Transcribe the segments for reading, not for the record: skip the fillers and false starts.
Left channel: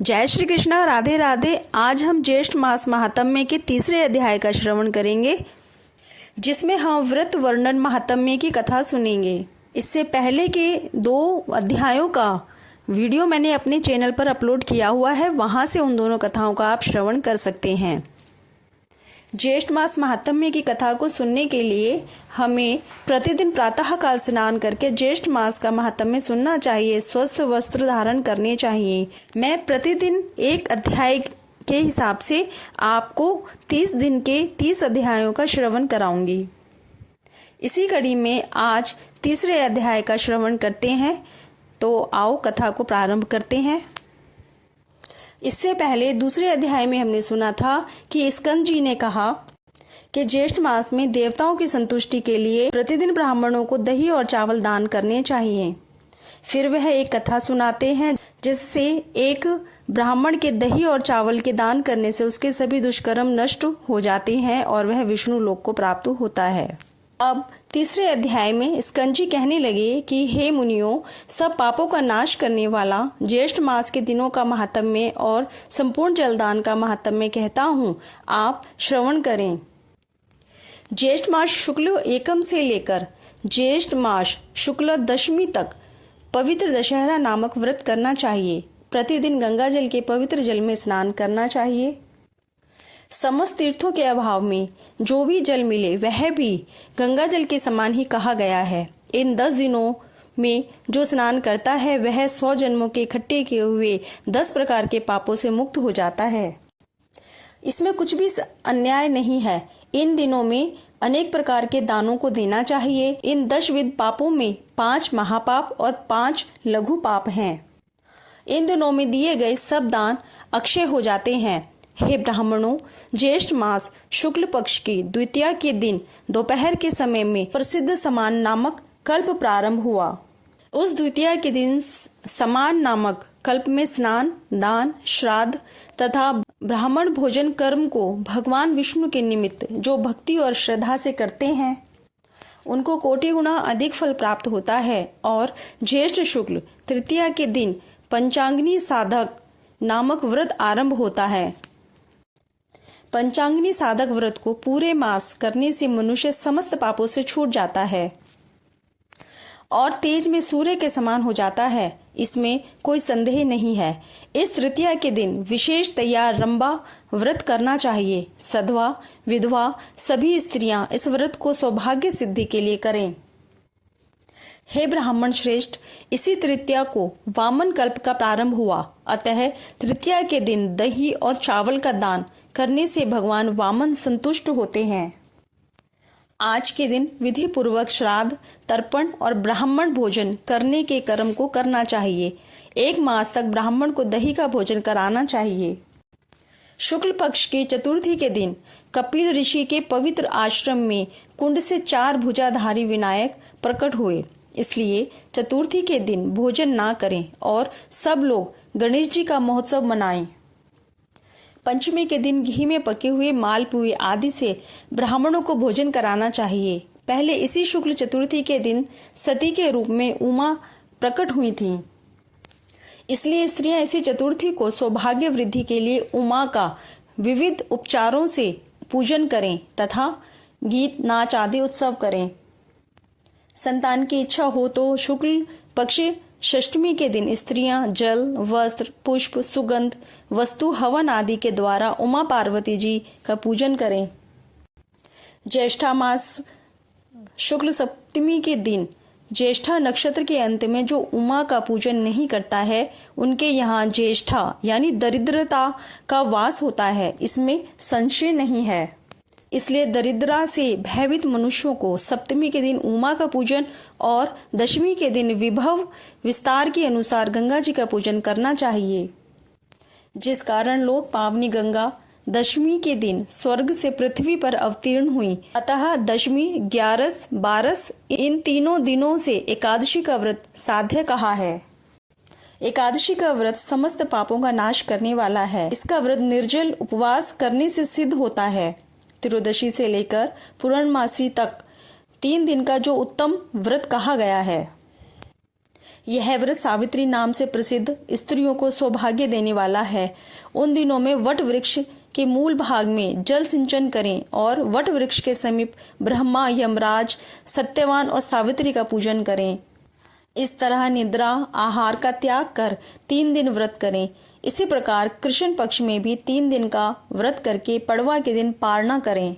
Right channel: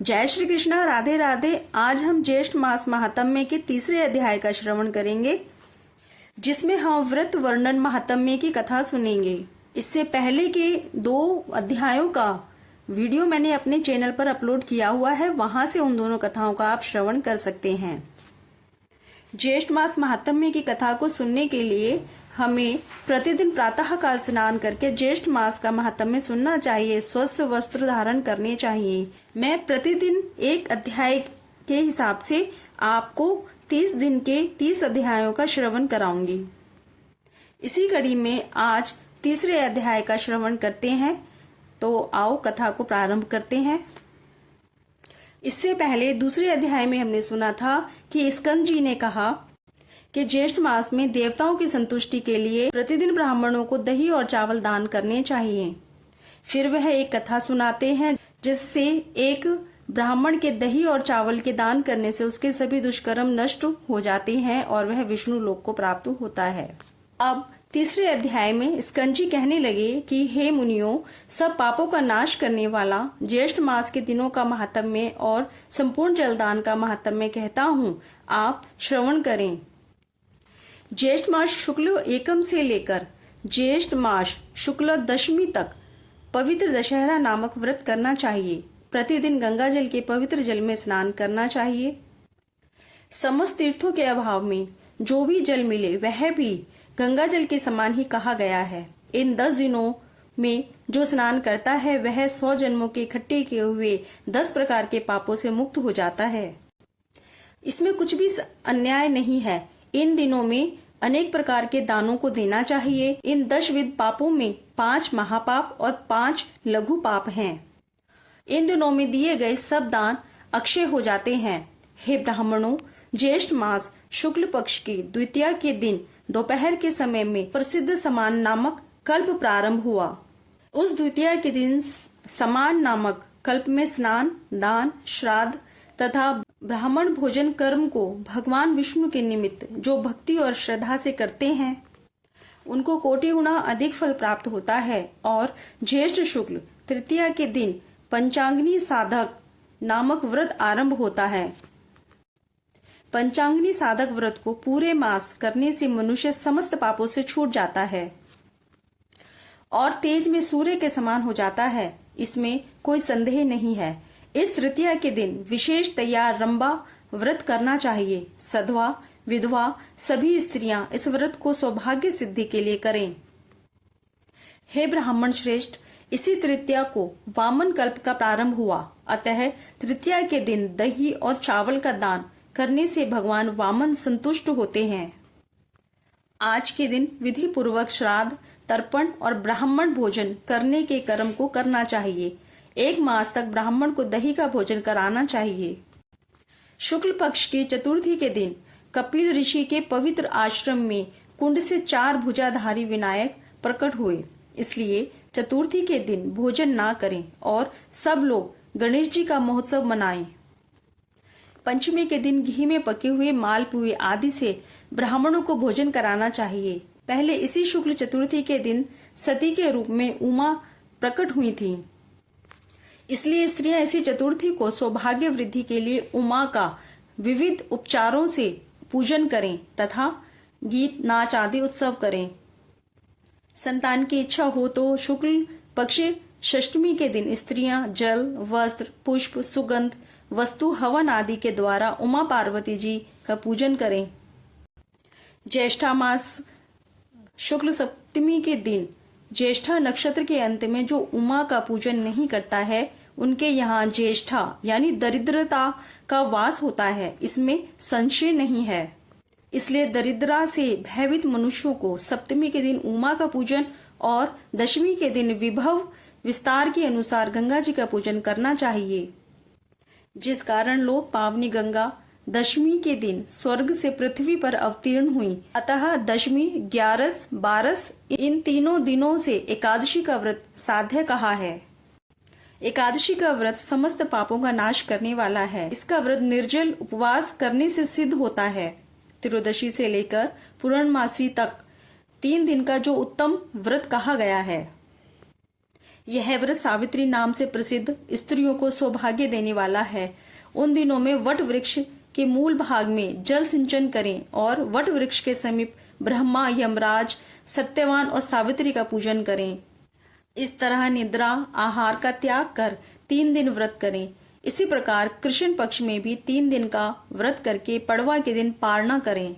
जय श्री कृष्णा, राधे राधे। आज हम ज्येष्ठ मास महात्म्य के तीसरे अध्याय का श्रवण करेंगे, जिसमें हम व्रत वर्णन महात्म्य की कथा सुनेंगे। इससे पहले के 2 अध्यायों का वीडियो मैंने अपने चैनल पर अपलोड किया हुआ है, वहां से उन दोनों कथाओं का आप श्रवण कर सकते हैं। ज्येष्ठ मास महात्म्य की कथा को सुनने के लिए हमें प्रतिदिन प्रातः काल स्नान करके ज्येष्ठ मास का महात्म्य सुनना चाहिए। स्वस्थ वस्त्र धारण करने चाहिए। मैं प्रतिदिन एक अध्याय के हिसाब से आपको 30 दिन के 30 अध्यायों का श्रवण कराऊंगी। इसी कड़ी में आज तीसरे अध्याय का श्रवण करते हैं, तो आओ कथा को प्रारंभ करते हैं। इससे पहले दूसरे अध्याय में हमने सुना था कि स्कंद जी ने कहा कि ज्येष्ठ मास में देवताओं की संतुष्टि के लिए प्रतिदिन ब्राह्मणों को दही और चावल दान करने चाहिए। फिर वह एक कथा सुनाते हैं जिससे एक ब्राह्मण के दही और चावल के दान करने से उसके सभी दुष्कर्म नष्ट हो जाते हैं और वह विष्णु लोक को प्राप्त होता है। अब तीसरे अध्याय में स्कंद जी कहने लगे कि हे मुनियों, सब पापों का नाश करने वाला ज्येष्ठ मास के दिनों का महात्म्य और संपूर्ण जलदान का महात्म्य कहता हूँ, आप श्रवण करें। ज्येष्ठ मास शुक्ल एकम से लेकर ज्येष्ठ मास शुक्ल दशमी तक पवित्र दशहरा नामक व्रत करना चाहिए। प्रतिदिन गंगा जल के पवित्र जल में स्नान करना चाहिए। समस्त तीर्थों के अभाव में जो भी जल मिले वह भी गंगा जल के समान ही कहा गया है। इन 10 दिनों में जो स्नान करता है वह 100 जन्मों के इकट्ठे किए हुए 10 प्रकार के पापों से मुक्त हो जाता है। इसमें कुछ भी अन्याय नहीं है। इन दिनों में अनेक प्रकार के दानों को देना चाहिए। इन 10 विध पापों में 5 महापाप और 5 लघु पाप हैं। इन दिनों में दिए गए सब दान अक्षय हो जाते हैं। हे ब्राह्मणों, ज्येष्ठ मास शुक्ल पक्ष की द्वितीया के दिन दोपहर के समय में प्रसिद्ध समान नामक कल्प प्रारंभ हुआ। उस द्वितीया के दिन समान नामक कल्प में स्नान, दान, श्राद्ध तथा ब्राह्मण भोजन कर्म को भगवान विष्णु के निमित्त जो भक्ति और श्रद्धा से करते हैं उनको कोटि गुना अधिक फल प्राप्त होता है। और ज्येष्ठ शुक्ल तृतीया के दिन पंचांगनी साधक नामक व्रत आरंभ होता है। पंचांगनी साधक व्रत को पूरे मास करने से मनुष्य समस्त पापों से छूट जाता है और तेज में सूर्य के समान हो जाता है। इसमें कोई संदेह नहीं है। इस तृतीया के दिन विशेष तैयार रंबा व्रत करना चाहिए। सधवा, विधवा सभी स्त्रियां इस व्रत को सौभाग्य सिद्धि के लिए करें। हे ब्राह्मण श्रेष्ठ, इसी तृतीया को वामन कल्प का प्रारंभ हुआ। अतः तृतीया के दिन दही और चावल का दान करने से भगवान वामन संतुष्ट होते हैं। आज के दिन विधि पूर्वक श्राद्ध, तर्पण और ब्राह्मण भोजन करने के कर्म को करना चाहिए। 1 मास तक ब्राह्मण को दही का भोजन कराना चाहिए। शुक्ल पक्ष की चतुर्थी के दिन कपिल ऋषि के पवित्र आश्रम में कुंड से 4 भुजाधारी विनायक प्रकट हुए। इसलिए चतुर्थी के दिन भोजन ना करें और सब लोग गणेश जी का महोत्सव मनाएं। पंचमी के दिन घी में पके हुए मालपुए आदि से ब्राह्मणों को भोजन कराना चाहिए। पहले इसी शुक्ल चतुर्थी के दिन सती के रूप में उमा प्रकट हुई थीं। इसलिए स्त्रियां इसी चतुर्थी को सौभाग्य वृद्धि के लिए उमा का विविध उपचारों से पूजन करें तथा गीत, नाच आदि उत्सव करें। संतान की इच्छा हो तो शुक्ल पक्ष षष्टमी के दिन स्त्रियां जल, वस्त्र, पुष्प, सुगंध वस्तु, हवन आदि के द्वारा उमा पार्वती जी का पूजन करें। ज्येष्ठा मास शुक्ल सप्तमी के दिन ज्येष्ठा नक्षत्र के अंत में जो उमा का पूजन नहीं करता है उनके यहाँ ज्येष्ठा यानी दरिद्रता का वास होता है। इसमें संशय नहीं है। इसलिए दरिद्रा से भयभीत मनुष्यों को सप्तमी के दिन उमा का पूजन और दशमी के दिन विभव विस्तार के अनुसार गंगा जी का पूजन करना चाहिए। जिस कारण लोग पावनी गंगा दशमी के दिन स्वर्ग से पृथ्वी पर अवतीर्ण हुई। अतः दशमी, 11, 12 इन तीनों दिनों से एकादशी का व्रत साध्य कहा है। एकादशी का व्रत समस्त पापों का नाश करने वाला है। इसका व्रत निर्जल उपवास करने से सिद्ध होता है। त्रयोदशी से लेकर पूर्णमासी तक 3 दिन का जो उत्तम व्रत कहा गया है। यह व्रत सावित्री नाम से प्रसिद्ध स्त्रियों को सौभाग्य देने वाला है। उन दिनों में वट वृक्ष के मूल भाग में जल सिंचन करें और वट वृक्ष के समीप ब्रह्मा, यमराज, सत्यवान और सावित्री का पूजन करें। इस तरह निद्रा, आहार का त्याग कर 3 दिन व्रत करें। इसी प्रकार कृष्ण पक्ष में भी 3 दिन का व्रत करके पड़वा के दिन पारना करें।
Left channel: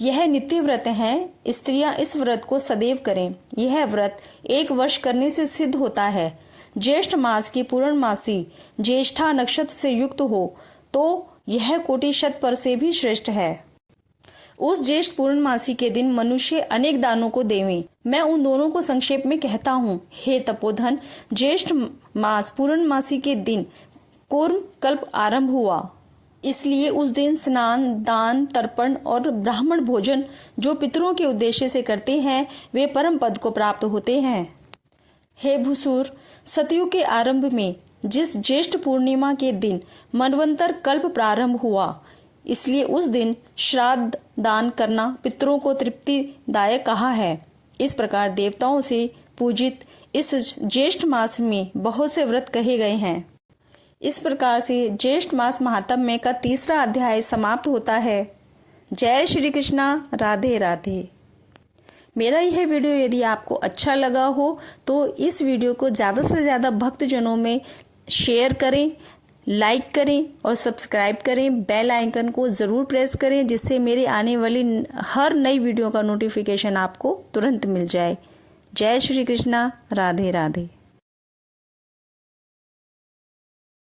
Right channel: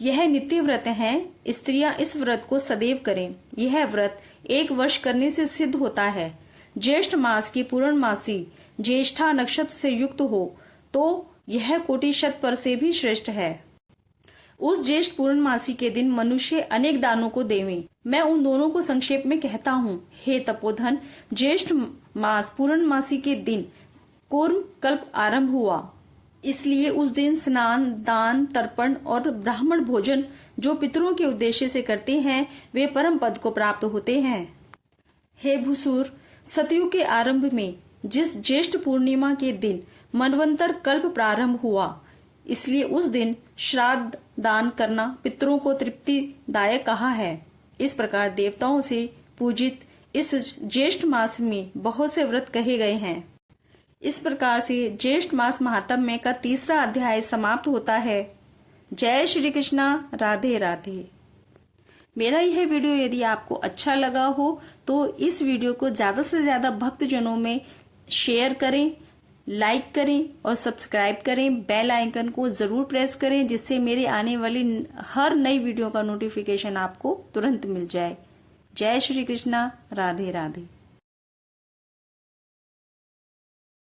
यह नित्य व्रत है। स्त्रियां इस व्रत को सदैव करें। यह व्रत 1 वर्ष करने से सिद्ध होता है। ज्येष्ठ मास की पूर्णमासी ज्येष्ठा नक्षत्र से युक्त हो तो यह कोटि शत पर से भी श्रेष्ठ है। उस ज्येष्ठ पूर्णमासी के दिन मनुष्य अनेक दानों को देवें। मैं उन दोनों को संक्षेप में कहता हूँ। हे तपोधन, ज्येष्ठ मास पूर्णमासी के दिन कूर्म कल्प आरंभ हुआ, इसलिए उस दिन स्नान, दान, तर्पण और ब्राह्मण भोजन जो पितरों के उद्देश्य से करते हैं वे परम पद को प्राप्त होते हैं। हे भूसुर, सतयुग के आरंभ में जिस ज्येष्ठ पूर्णिमा के दिन मनवंतर कल्प प्रारंभ हुआ, इसलिए उस दिन श्राद्ध दान करना पितरों को तृप्तिदायक कहा है। इस प्रकार देवताओं से पूजित इस ज्येष्ठ मास में बहुत से व्रत कहे गए हैं। इस प्रकार से ज्येष्ठ मास महात्म्य का 3रा अध्याय समाप्त होता है। जय श्री कृष्णा। राधे राधे। मेरा यह वीडियो यदि आपको अच्छा लगा हो तो इस वीडियो को ज्यादा से ज्यादा भक्तजनों में शेयर करें, लाइक करें और सब्सक्राइब करें। बेल आइकन को जरूर प्रेस करें जिससे मेरे आने वाली हर नई वीडियो का नोटिफिकेशन आपको तुरंत मिल जाए। जय श्री कृष्णा। राधे राधे।